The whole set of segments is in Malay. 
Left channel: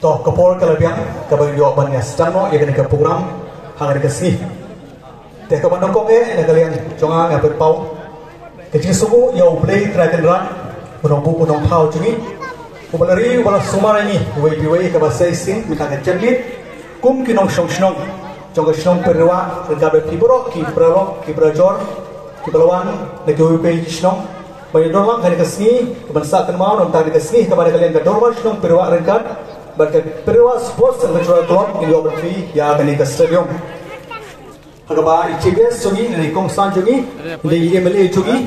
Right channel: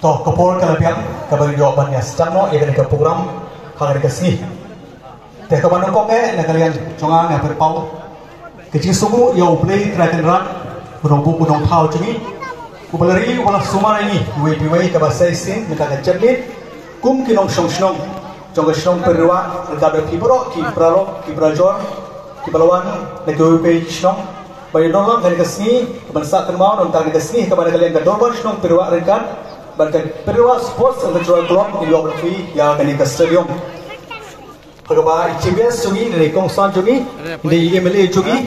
toh kapol kalabiang kabagi jawaban ya sedang ya ke program hari kesini teh kapan kok kalian jangan ngapet pau kecil suku ya play terakhir menunggu pau cumi kupalari wala sumara ini wei ke bahasa isin minta kecerlit kum kinong shong jong shong perwa gabe kibro kibralo kibrajor kibalawan negoi pe shong bayi nolong hari kesini kebansa kenmau nonton hari kesini kepada kalian kedorban shong perwa rekan perwa sports and cultural club in geography ya kini ke stadium Agaba ICBS jungi dari Kongsan jungi dari MLA jungi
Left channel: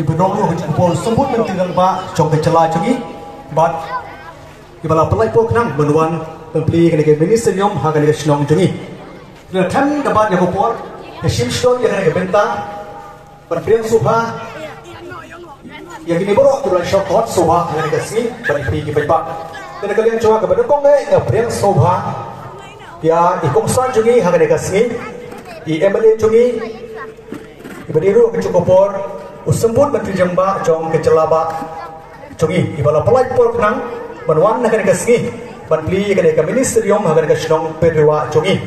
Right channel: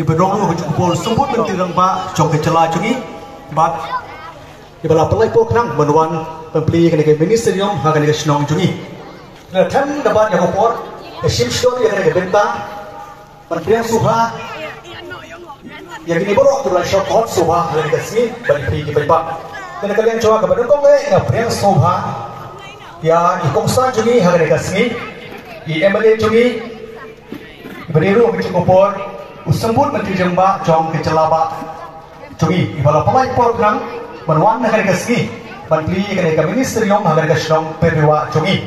ibedong lu kupol sembut nanti rangba jong kecela jungi bat ibala pelai pol kenang menuan pembeli kini ke ministerium ha kini ke senong jungi dan kan dapat yang kupol shimstone yang kini ke bentang berpriang suha yang kini borok bulan short suha ha kini ke sini bani pergi ke bebak dan kalian coba kepada kong priang suha ya Kongsan jungi ha kini ke sini I MLA jungi iberiru ke cukupor usembut menteri jemba jong ke celaba jungi ibala pelai por nang banwan nakan ke sini banpli ke ministerium hagar ke senong perwa jungi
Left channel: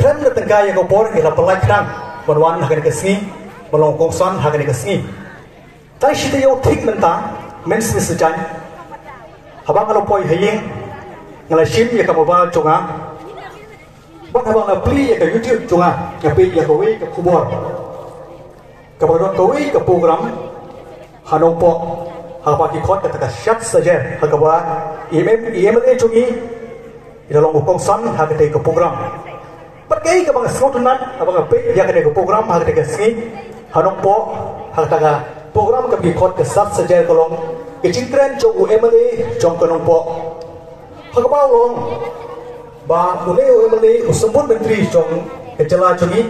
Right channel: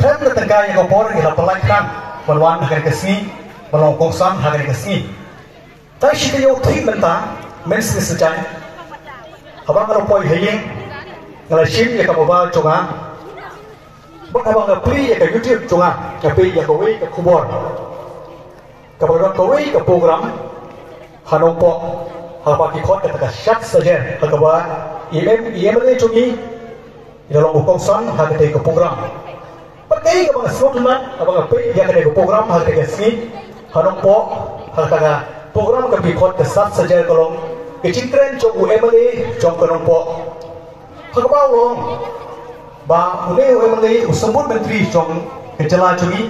krem na tegai ke por ila pelai krang banwan nakan ke sini balong Kongsan hagar ke sini tai shite yo thik nanta mens sejan habang lo poi heye ngala shim ya ka baba jonga Bang abang ngapli ya ke YouTube cunga ngapli ya kowe ke kubor kepada kowe ke program hanompo hapa ki khot kata syat saja hakawa IMLA cungi dalam Kongsan hakate ke program pakai ke bang slotman abang ngapli ya ke program hakate ke sini hanompo hakaka program ke khot ke syat saja kolong kecintren cung IMLA cung konompo hakawa long ba mulai usembut menteri jong kecela jungi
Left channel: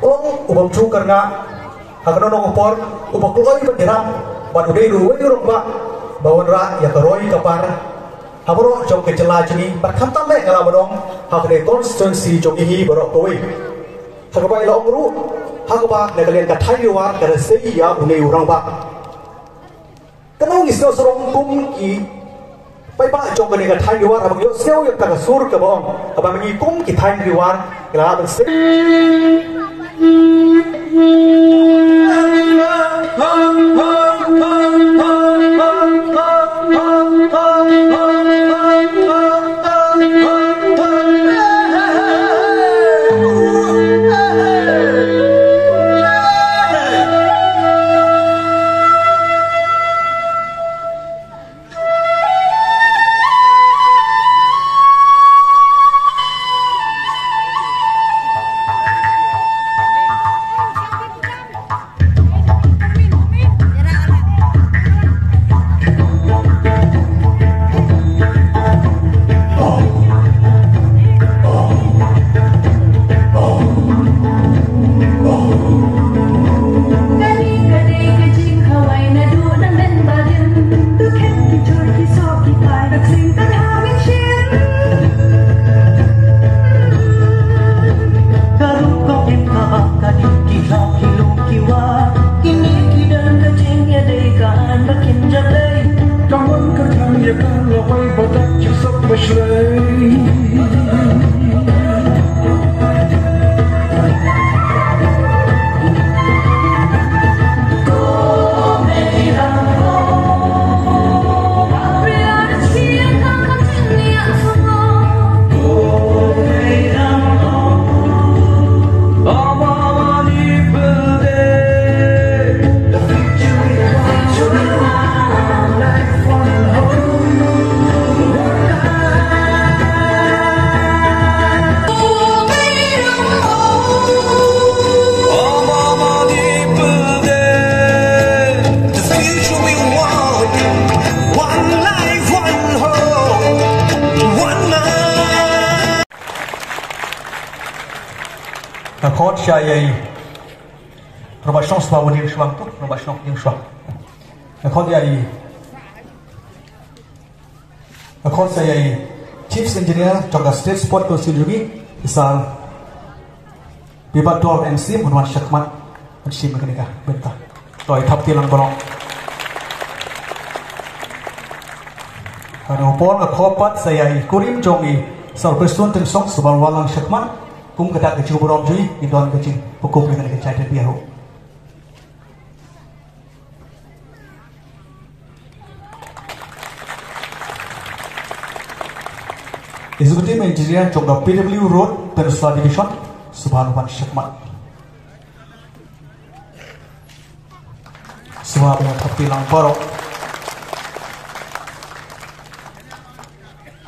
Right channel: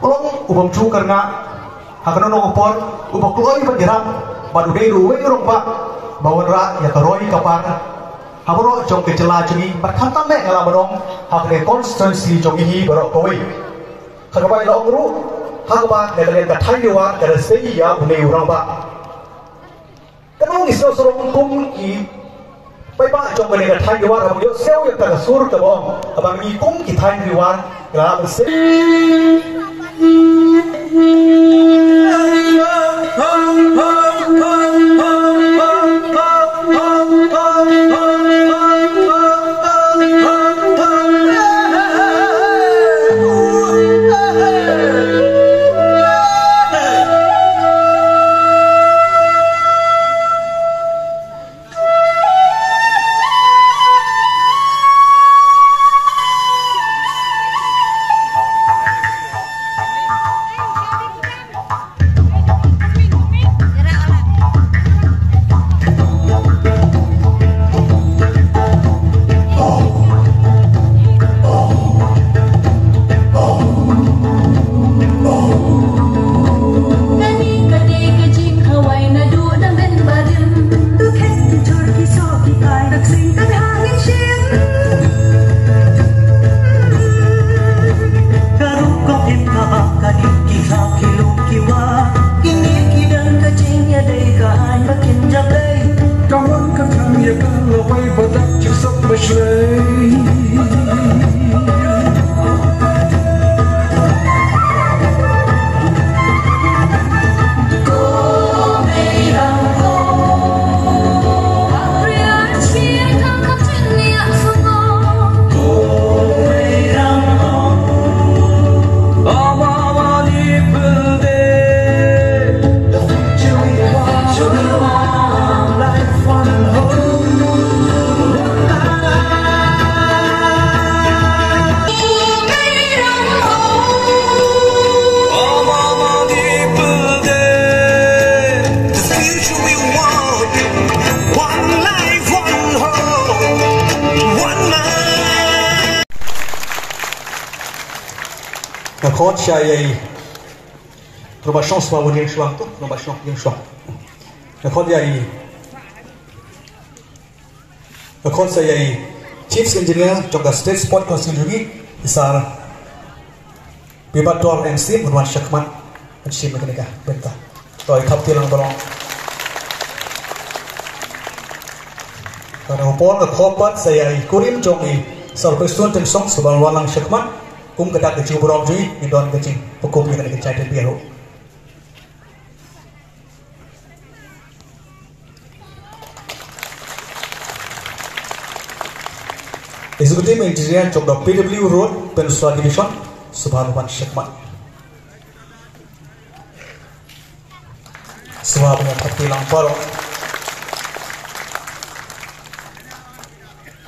ulong ubam cu karena hakano no upor ubak loi penjeram ba udai ruwe urong ba bawon ra ya karoi kapar hamro jong kecela jungi berkantam le ngala borong hakne constituency jong hi borok koi hakaba ila ongru hakaba negalen ka thaiwa ka sei ya ulai urang ba kanong isno sorong kum i Pai ba jong kene ka thai war abang yo sel ya ka sur ka bong abang mi kum ki thai ri war la ba se Khot saya probation sebab dia suang tu probation dia suang khot saya chief engineer juga state sport council juga besar bibator MC Muhammad Syakman MC mereka bentar toy thap tilang borong Karena Paul ke korpat saya kurim jongi sarpesun tim song sebal walang syakman kum kedak kecil burau jui indon kecil pekup dengan kecai terbiahu. Executive Engineer Chongda PW Road Peninsula Division Subhanwan Syakman. Suara dengan hati lampau.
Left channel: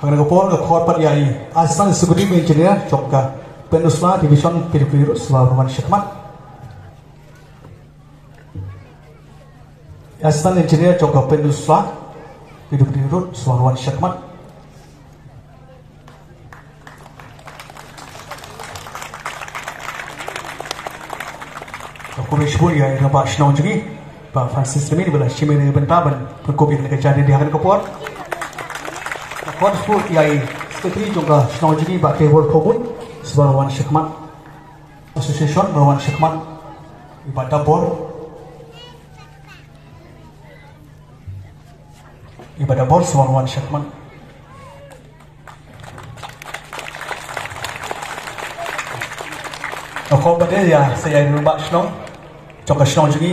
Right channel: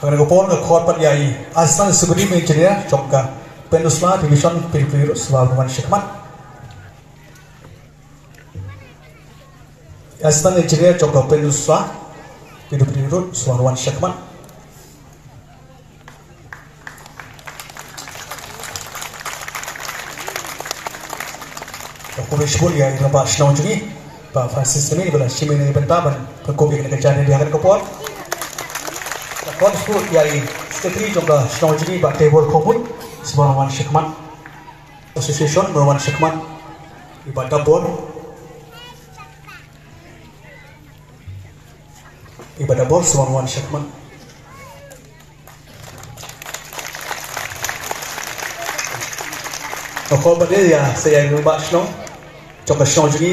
Hari Gopol ke korpat yai Asal Executive Engineer Chongda Peninsula Division PW Road Subhanwan Syakman. Asal Engineer Chongda Peninsula PW Road Subhanwan Syakman. Kurishbul yang nampak senang juga, Pak Francis ini adalah simeni bentaban berkopi dengan kerjaan di hari Gopol. Kurishbul yang sekali juga senang juga Pak Tebor Kobun Subhanwan Syakman Association Subhanwan Syakman Ibadah Bor Subhanwan Syakman. Kalau pada ya saya nampak senang. Coba senang juga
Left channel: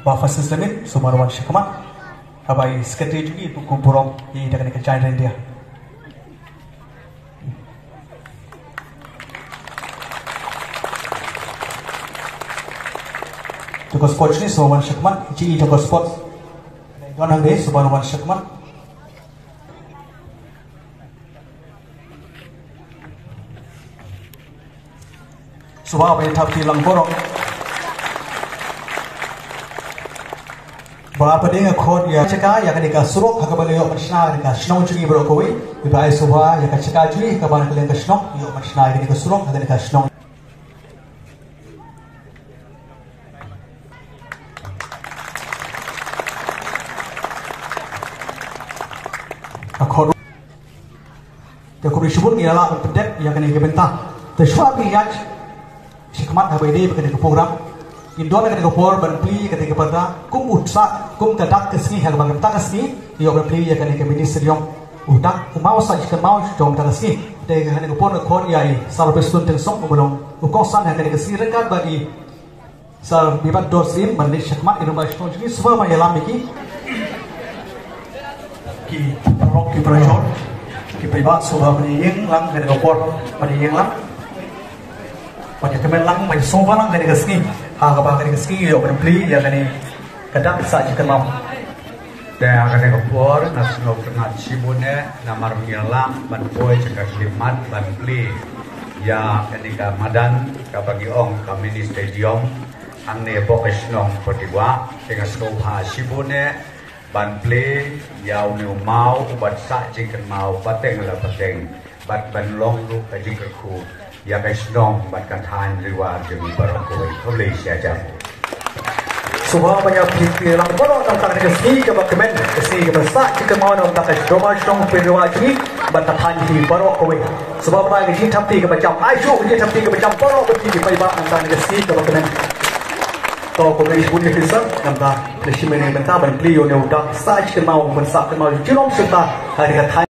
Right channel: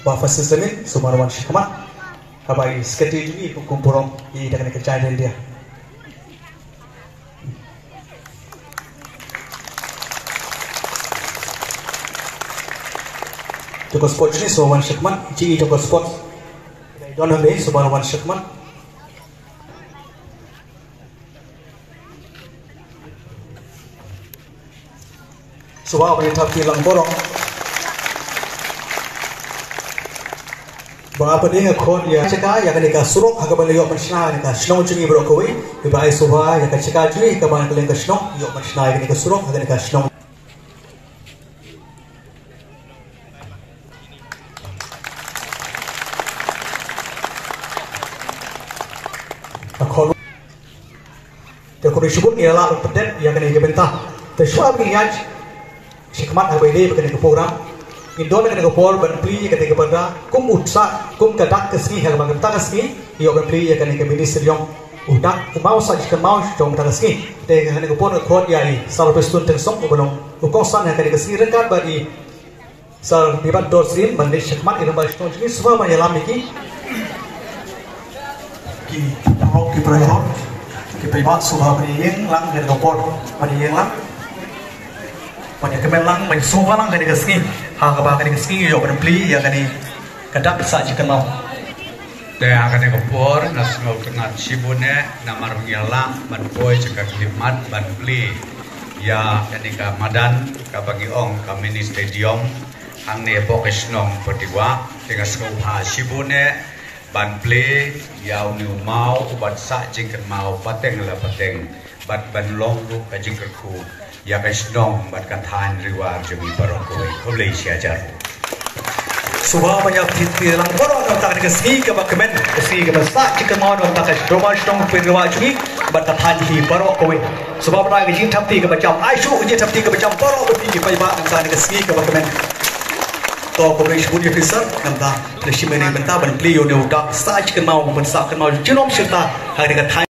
Pak Francis ini Subhanwan Syakman. Abai sekali juga kumpulan di dengan kerjaan dia. Joko sports ni Subhanwan Syakman, Ji Joko sports. Dona ni Subhanwan Syakman. Subah berita film borong. Berapa dia ngakon ya cekah ya ketika suruk hak balik yok mencina ketika senang cungi berokoi ibai subah ya cekah cungi keban kalian ke senang yok mencina ketika suruk hak ketika senang. Akon terkurusibun ni adalah berpedet yang kena dibentah tersyarat miliar Syakman apa ini ketika program Indo ketika program berpilih ketika pada kum utsa kum kedak kesini hal bang kedak kesini ia berpilih ketika ministeri yang udah mau saja mau jom kedak kesini ketika program kod yang salah pesun tersok belum ukosan ketika kesini rekat bagi salah bibat dosin bandar Syakman ini bersyukur ini semua menyelam ini ki perayaan ki privat subah meniyeng lang ketika program meniyeng lang pada kemenlang bagi semua orang kena keski, hak apa kena keski, yo berpilih ya kena kedak saja kenal. Dan kena kepor, nasional kena cibune, namar ngilang, banboy jika kelimat, banpli, ya kena madan, bagi ong kami di stadium, angne bokesnong perdiwa, dengan sekolah cibune, banpli, ya uni mau, ubat sak jika mau pateng lah pateng, bat banlong lu kajingkerku. Ya guys dong buat kantan riwar jemi barokoi boleh siajar. Subah banyak titik lang borong nak tak kesini ke bakmen kesini ke besar jika mau nak tak domai dong riwar jemi buat kantan hi barokoi. Subah pernah kerja tapi ke macam aisu kerja tapi ke macam borok berarti pagi nak kesini ke bakmen. To boleh sebut officer nampak lesi mana bentar ban beliau ni udah sah jika mau bensak mau jelom serta hari kantan